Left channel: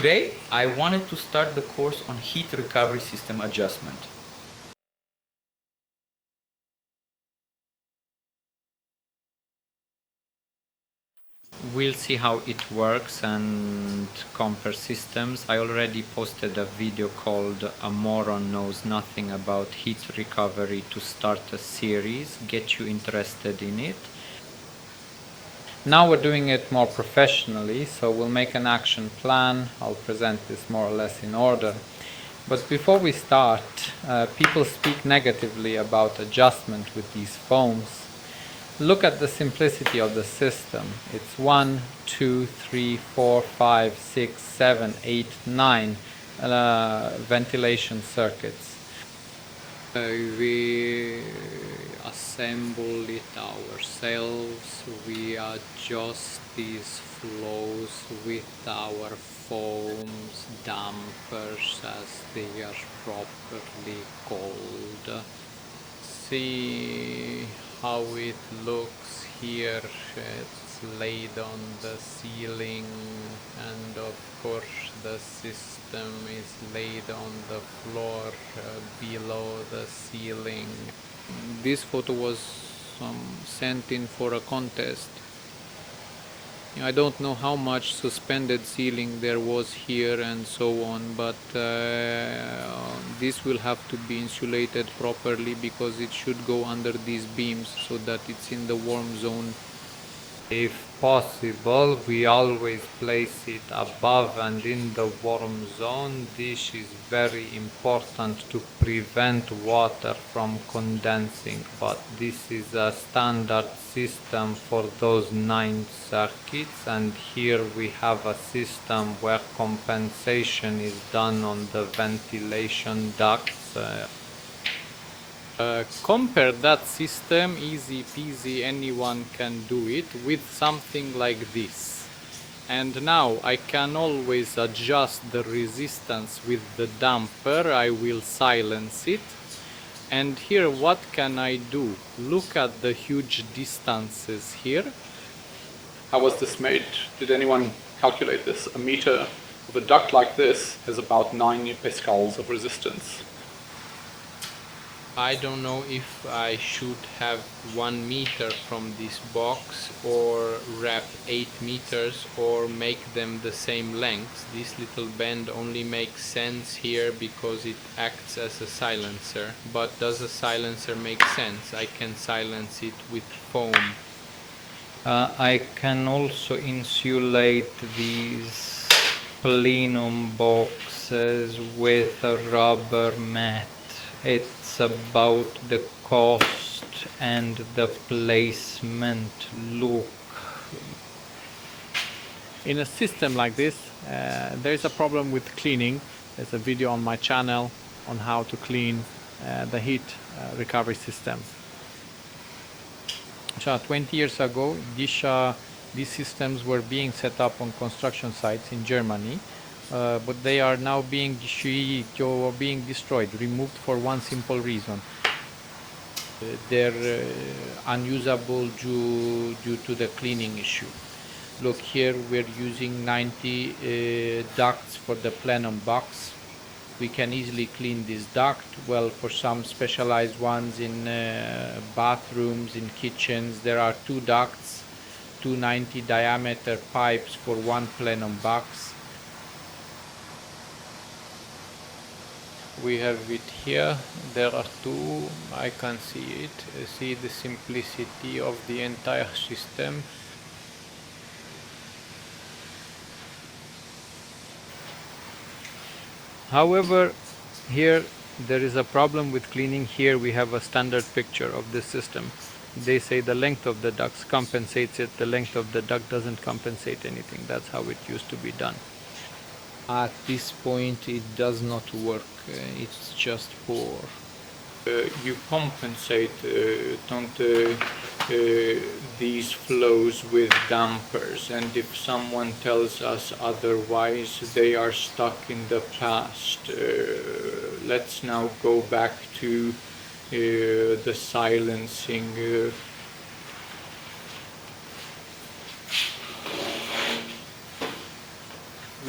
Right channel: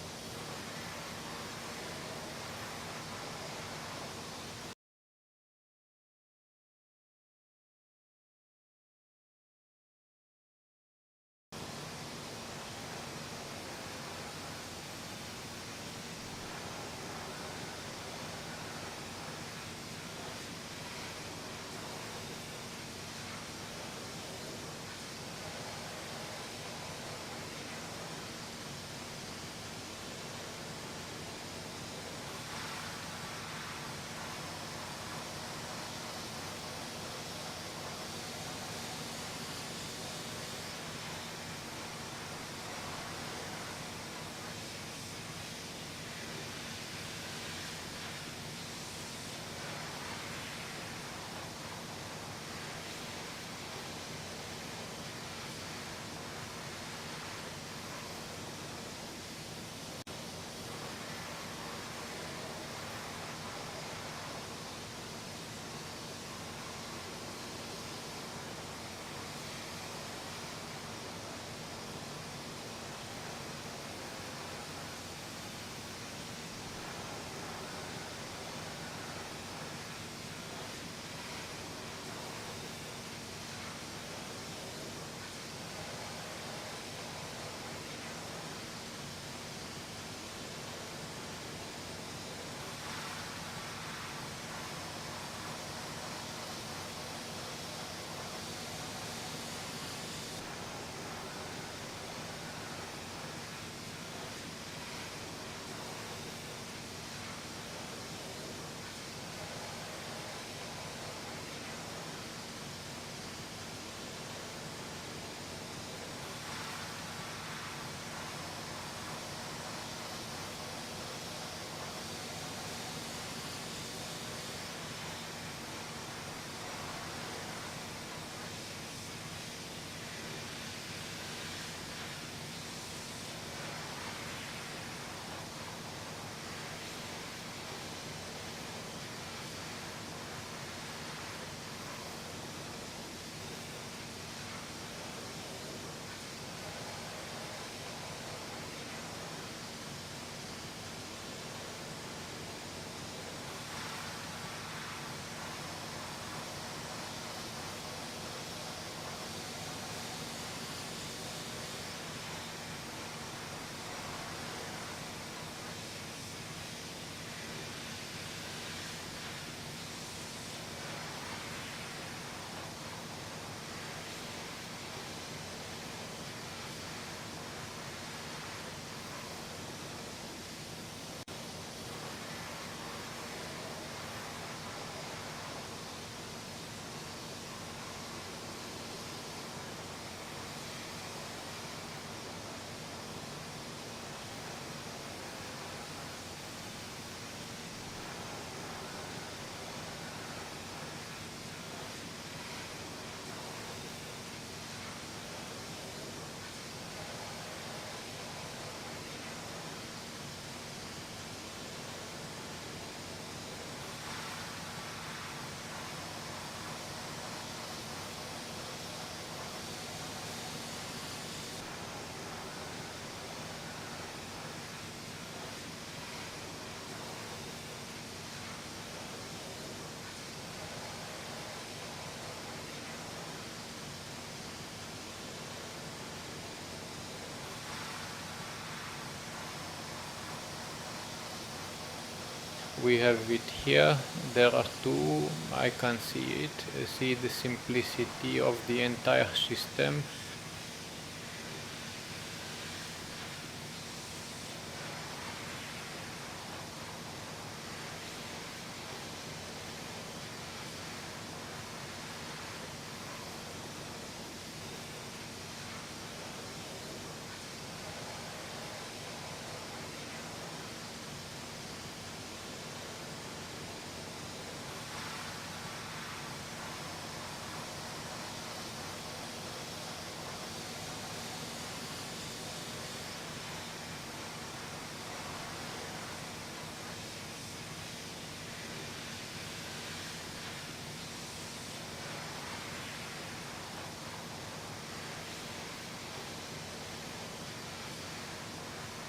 Today I wanted to start the course on heat recovery system adjustment. We'll see how it works and compare systems. I already posted a video called "A Moron Knows Nothing About Heat Recovery" to start a series, get you interested in it. Now we're doing it more professionally, so we'll make an action plan. I'll present this more or less in order. But before we start, people speak negatively about adjustment with these foams. Look at the simplicity of the system. It's 1, 2, 3, 4, 5, 6, 7, 8, 9 ventilation circuits. We assemble it ourselves. We adjust these flows with our foams, dampers as they are properly called. See how it looks here. It's laid on the ceiling, and of course the system is laid on the floor below the ceiling. This photo was sent in for a contest. I don't know how much suspended ceiling there was here and so on, but this will have to be insulated properly because it should go under these beams so that it's in the warm zone. If possible, we always place it above and in the warm zone. This is very important to prevent water from condensing, but this is a standard system for those 9 circuits, and here we have a system where compensation is done on the ventilation ducts. Compare that system, easy peasy, anyone can do it, with something like this. And now I can always adjust the resistance with the damper. I will silence it. And here what can I do? Look at the huge distances here. How was this made? Did anyone calculate this? A meter of a duct like this is about 9 pascals of resistance. I don't know if I should have 1 meter from this box or wrap 8 meters or make them the same length. This little bend only makes sense here because it acts as a silencer. But does a silencer make sense? I can silence it with foam. I can also insulate these plenum boxes with a rubber mat. It's about the cost and the placement. Look. In a system like this, there is a problem with cleaning. There's a video on my channel on how to clean the heat recovery system. 20 years ago, these systems were being set up on construction sites in Germany, but they are now being destroyed, removed for one simple reason. They're unusable due to the cleaning issue. Look here, we're using 90 ducts for the plenum box. We can easily clean this duct. Well, for some specialized ones in bathrooms, in kitchens, there are 2 ducts, 290 diameter pipes for 1 plenum box. We have it here. There are 2. I can see it. See the simplicity of the entire system. However, here there is a problem with cleaning. Here we have a standard picture of this system. They say the length of the ducts compensates it, the length of the duct doesn't compensate anything. That's how it used to be done. At this point it does not work, it's just poor. You compensate these flows with dampers, and if someone tells us otherwise, they are stuck in the past. Let's now go back to the silencing.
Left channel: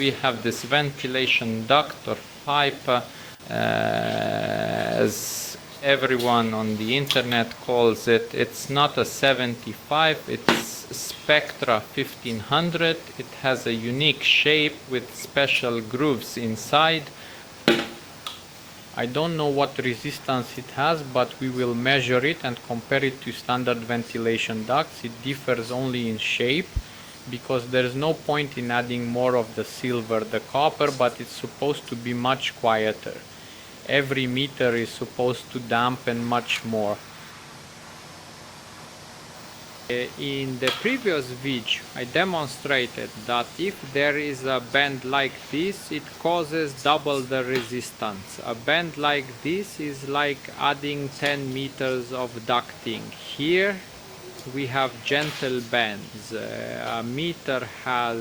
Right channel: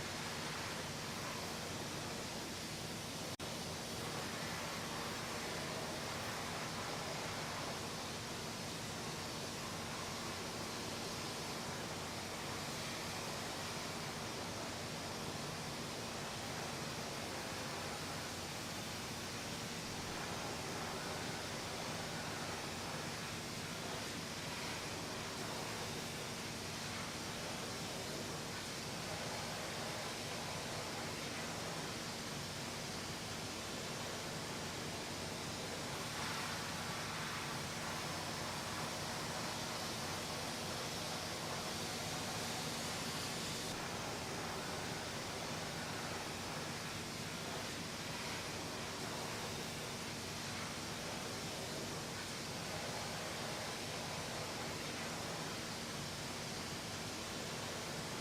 we have this ventilation duct or pipe, as everyone on the internet calls it. It's not a 75, it's Spectra 1500. It has a unique shape with special grooves inside. I don't know what resistance it has, but we will measure it and compare it to standard ventilation ducts. It differs only in shape, because there's no point in adding more of the silver, the copper, but it's supposed to be much quieter. Every meter is supposed to dampen much more. In the previous video, I demonstrated that if there is a bend like this, it causes double the resistance. A bend like this is like adding 10 meters of ducting. Here we have gentle bends. A meter has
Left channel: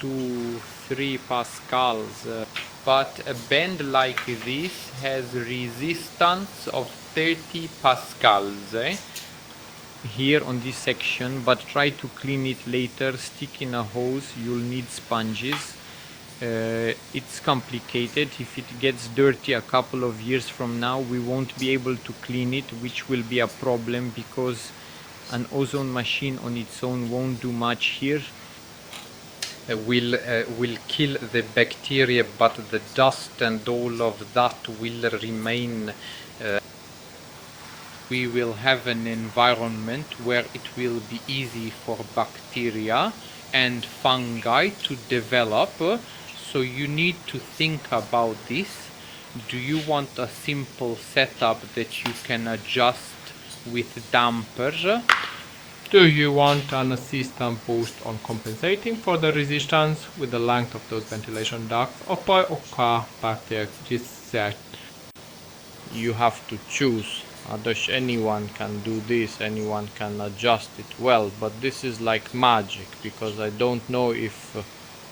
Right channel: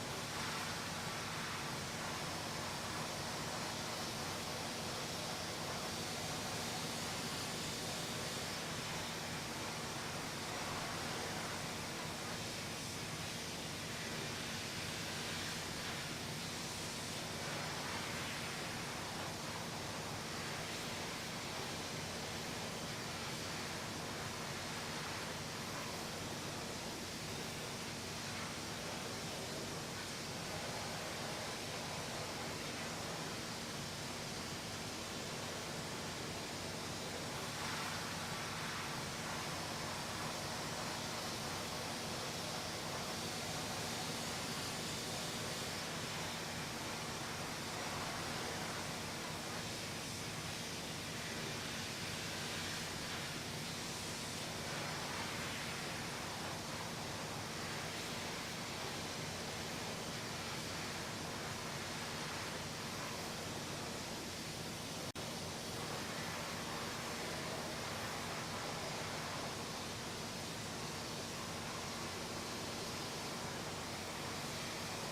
2-3 pascals, but a bend like this has resistance of 30 pascals. Here on this section, but try to clean it later. Stick in a hose, you'll need sponges. It's complicated. If it gets dirty a couple of years from now, we won't be able to clean it, which will be a problem, because an ozone machine on its own won't do much here. Will kill the bacteria, but the dust and all of that will remain. We will have an environment where it will be easy for bacteria and fungi to develop. So you need to think about this. Do you want a simple setup that you can adjust with dampers? Do you want an system post on compensating for the resistance with the length of those ventilation ducts? You have to choose. Anyone can do this, anyone can adjust it well, but this is like magic, because I don't know if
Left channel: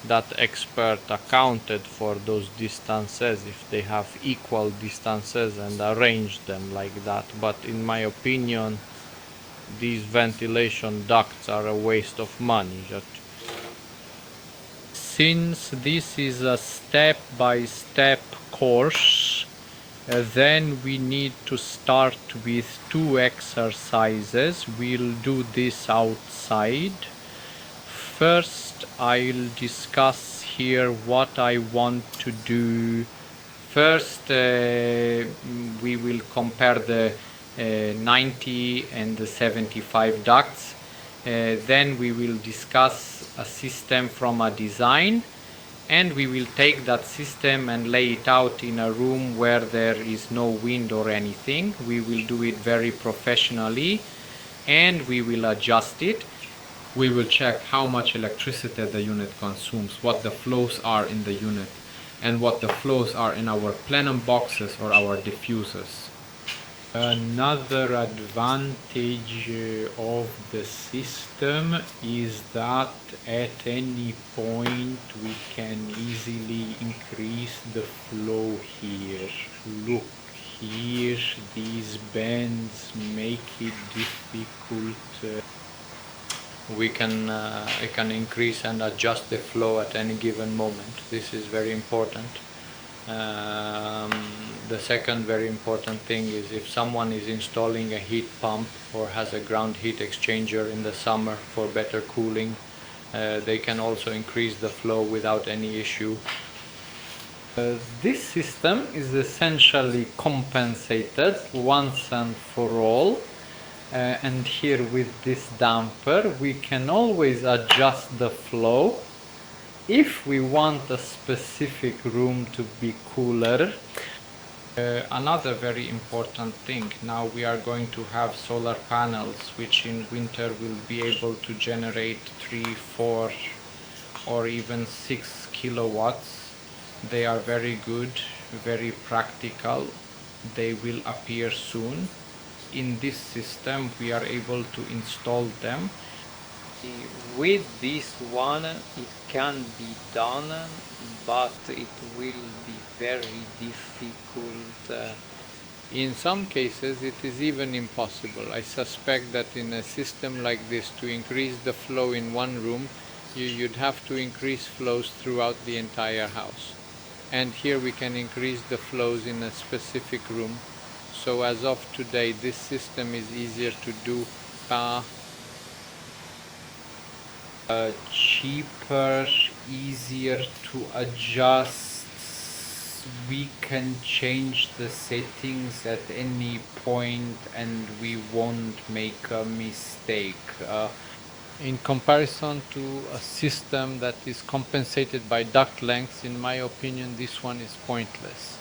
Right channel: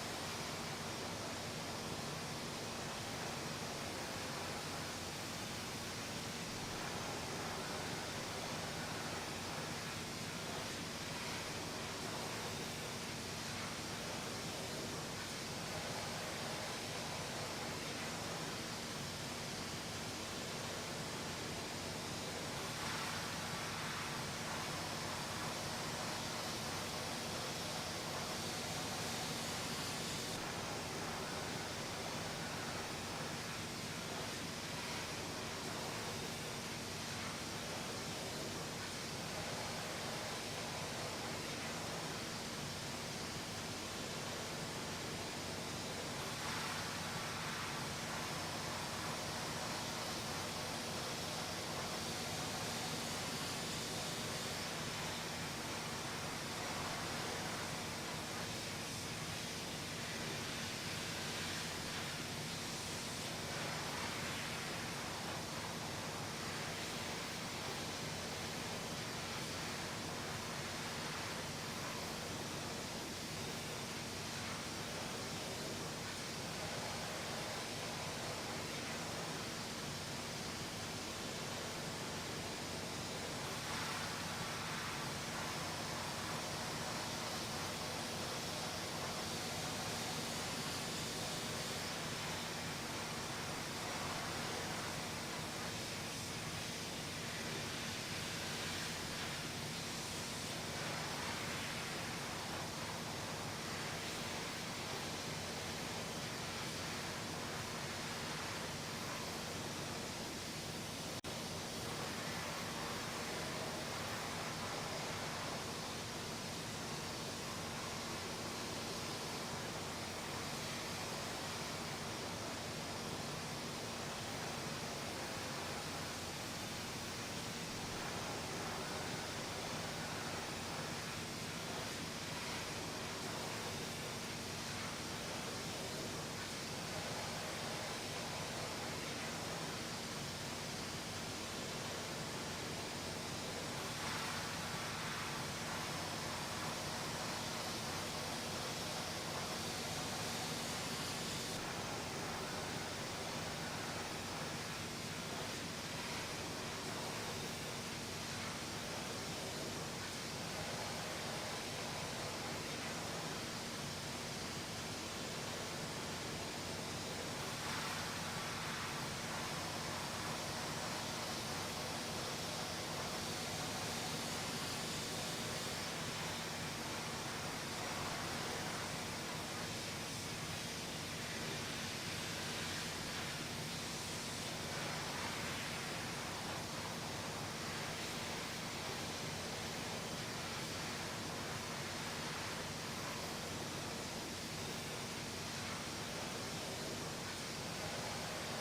that expert accounted for those distances, if they have equal distances and arranged them like that. But in my opinion, these ventilation ducts are a waste of money. Since this is a step-by-step course, then we need to start with 2 exercises. We'll do this outside. First, I'll discuss here what I want to do. First, we will compare the 90 and the 75 ducts. Then we will discuss a system from a design, and we will take that system and lay it out in a room where there is no wind or anything. We will do it very professionally, and we will adjust it. We will check how much electricity the unit consumes, what the flows are in the unit, and what the flows are in our plenum boxes or our diffusers. Another advantage of the system is that at any point we can easily increase the flow here. Look here, these bends make it difficult. I can increase and adjust the flow at any given moment. This is very important. The second very important thing is if someone is installing a heat pump or has a ground heat exchanger in the summer for better cooling, they can also increase the flow without any issue. This system is essentially compensated once and for all, and here with this damper we can always adjust the flow if we want a specific room to be cooler. Another very important thing, now we are going to have solar panels which in winter will be able to generate 3, 4 or even 6 kilowatts. They are very good, very practical. They will appear soon. In this system we are able to install them. With this one it can be done, but it will be very difficult. In some cases it is even impossible. I suspect that in a system like this, to increase the flow in one room you'd have to increase flows throughout the entire house. And here we can increase the flows in a specific room. So as of today, this system is easier to do, cheaper, easier to adjust. We can change the settings at any point and we won't make a mistake. In comparison to a system that is compensated by duct lengths, in my opinion, this one is pointless.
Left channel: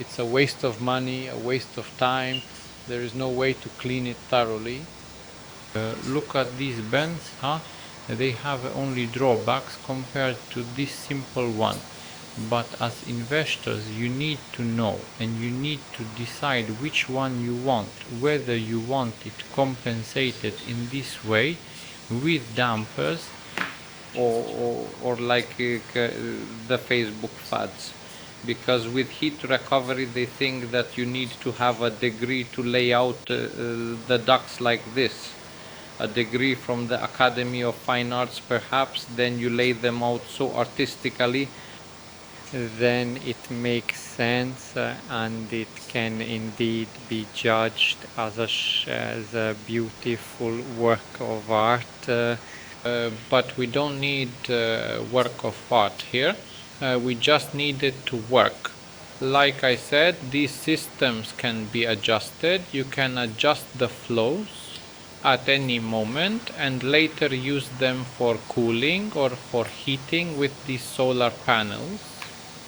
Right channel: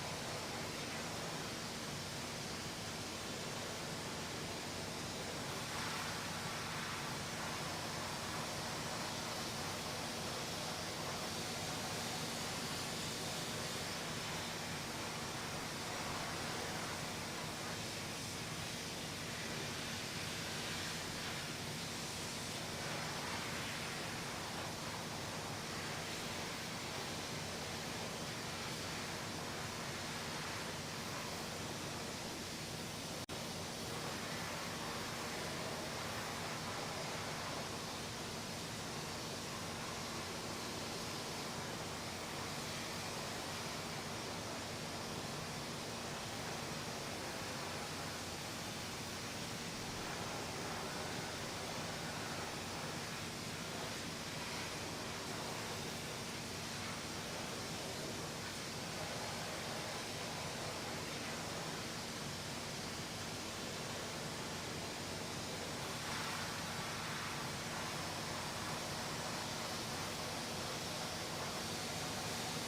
It's a waste of money, a waste of time. There is no way to clean it thoroughly. Look at these bends, huh? They have only drawbacks compared to this simple one. But as investors, you need to know and you need to decide which one you want, whether you want it compensated in this way with dampers or like the Facebook fads. Because with heat recovery they think that you need to have a degree to lay out the ducts like this. A degree from the Academy of Fine Arts perhaps, then you lay them out so artistically, then it makes sense and it can indeed be judged as a beautiful work of art. But we don't need work of art here. We just need it to work. Like I said, these systems can be adjusted. You can adjust the flows at any moment and later use them for cooling or for heating with these solar panels.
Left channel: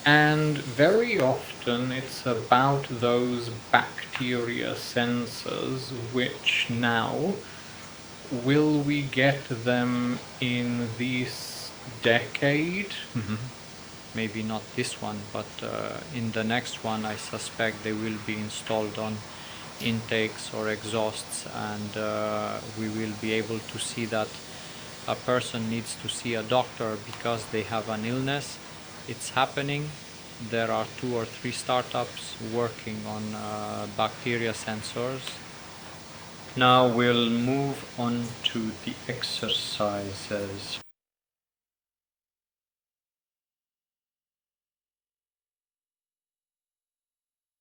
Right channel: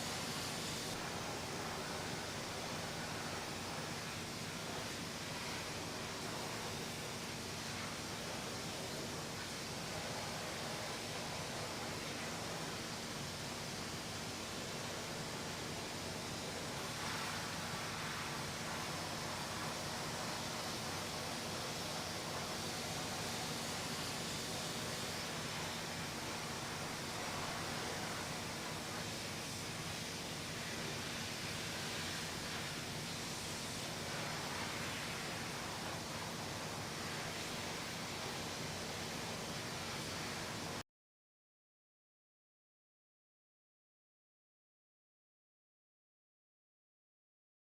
And very often it's about those bacteria sensors, which now, will we get them in this decade? Maybe not this one, but in the next one I suspect they will be installed on intakes or exhausts, and we will be able to see that a person needs to see a doctor because they have an illness. It's happening. There are 2 or 3 startups working on bacteria sensors. Now we'll move on to the exercises.